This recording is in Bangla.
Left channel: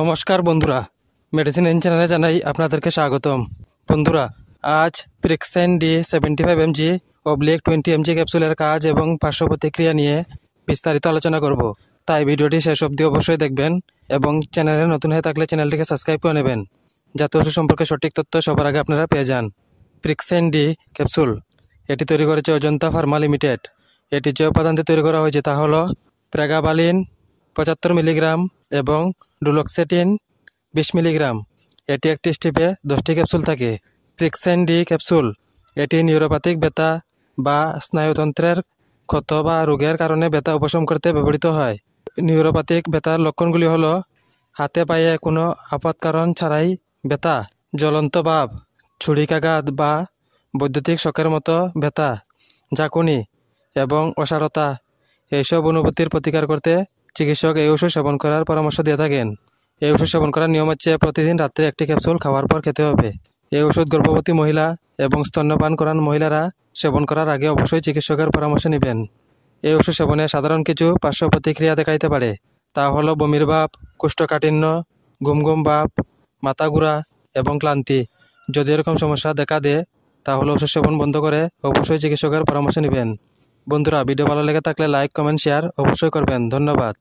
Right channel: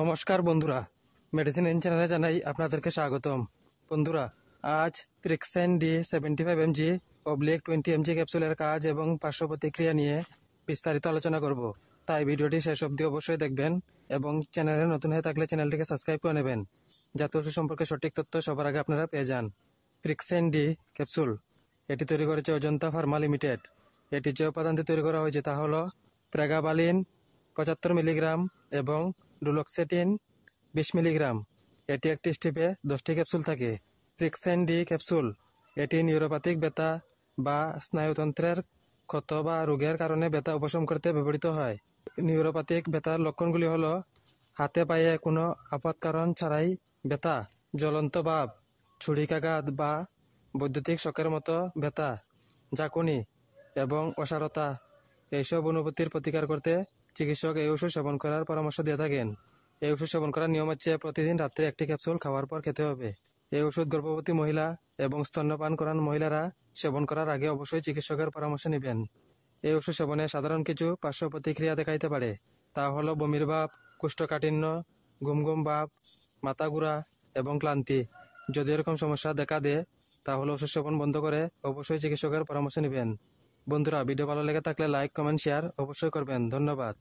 নমস্কার বন্ধুরা, মেডিসিন এন চ্যানেলে জানাই আপনাদেরকে স্বাগতম। বন্ধুরা, আজ প্রিক্সেন D75 mg /20 mg ক্যাপসুলের কাজ এবং পার্শ্ব প্রতিক্রিয়া নিয়ে বিস্তারিত আলোচনা করব। তাই ভিডিওটি শেষ অবধি অবশ্যই দেখবেন এবং চ্যানেলে নতুন হয়ে থাকলে চ্যানেলটিকে সাবস্ক্রাইব করে নেবেন, যাতে ওষুধ সম্পর্কে সঠিক তথ্য সবার আগে আপনারা পেয়ে যান। প্রিক্সেন D ক্যাপসুল এটি তৈরি করেছে অজন্তা ফার্মা লিমিটেড। এটি যে উপাদান দিয়ে তৈরি করা হয়েছে তা হলো প্রেগাবালিন 75 মিলিগ্রাম এবং ডুলোক্সেটিন 20 মিলিগ্রাম। এটি একটি স্ট্রিপে 10টি ক্যাপসুল থাকে। প্রিক্সেন D ক্যাপসুল এটি নিউরোপ্যাথিক ব্যথা বা স্নায়ুতন্ত্রের ক্ষত বা রোগের কারণে ব্যথা উপশম করতে ব্যবহৃত হয়। নিউরোপ্যাথিক ব্যথার লক্ষণগুলি হলো হাতে পায়ে কোনো আপাত কারণ ছাড়াই ব্যথা, জ্বলন্ত ভাব, ছুরিকাঘাত বা বৈদ্যুতিক শকের মতো ব্যথা, ঝাঁকুনি এবং অসাড়তা। এইসব অনুভূতির প্রতিকার করতে চিকিৎসক এই ওষুধ সেবন করার পরামর্শ দিয়ে থাকেন। এই ওষুধ সেবন করার নিয়ম হচ্ছে প্রতিদিন রাত্রে একটি ক্যাপসুল খাওয়ার পর খেতে হবে। এই ওষুধ গর্ভবতী মহিলা এবং স্তন্যপান করান মহিলারা সেবন করার আগে অবশ্যই চিকিৎসকের পরামর্শ নেবেন। এই ওষুধ সেবনে সাধারণ কিছু পার্শ্ব প্রতিক্রিয়া দেখাইতে পারে। তা হলো বমির ভাব, কোষ্ঠকাঠিন্য, ঘুম ঘুম ভাব, মাথা ঘোরা এবং ক্লান্তি। যদি এরকম সমস্যা দেখা দেয় তাহলে ওষুধ সেবন বন্ধ করে অবশ্যই চিকিৎসকের পরামর্শ নেবেন। বন্ধুরা, ভিডিও ভালো লেগে থাকলে লাইক, কমেন্ট, শেয়ার অবশ্যই করবেন। ধন্যবাদ।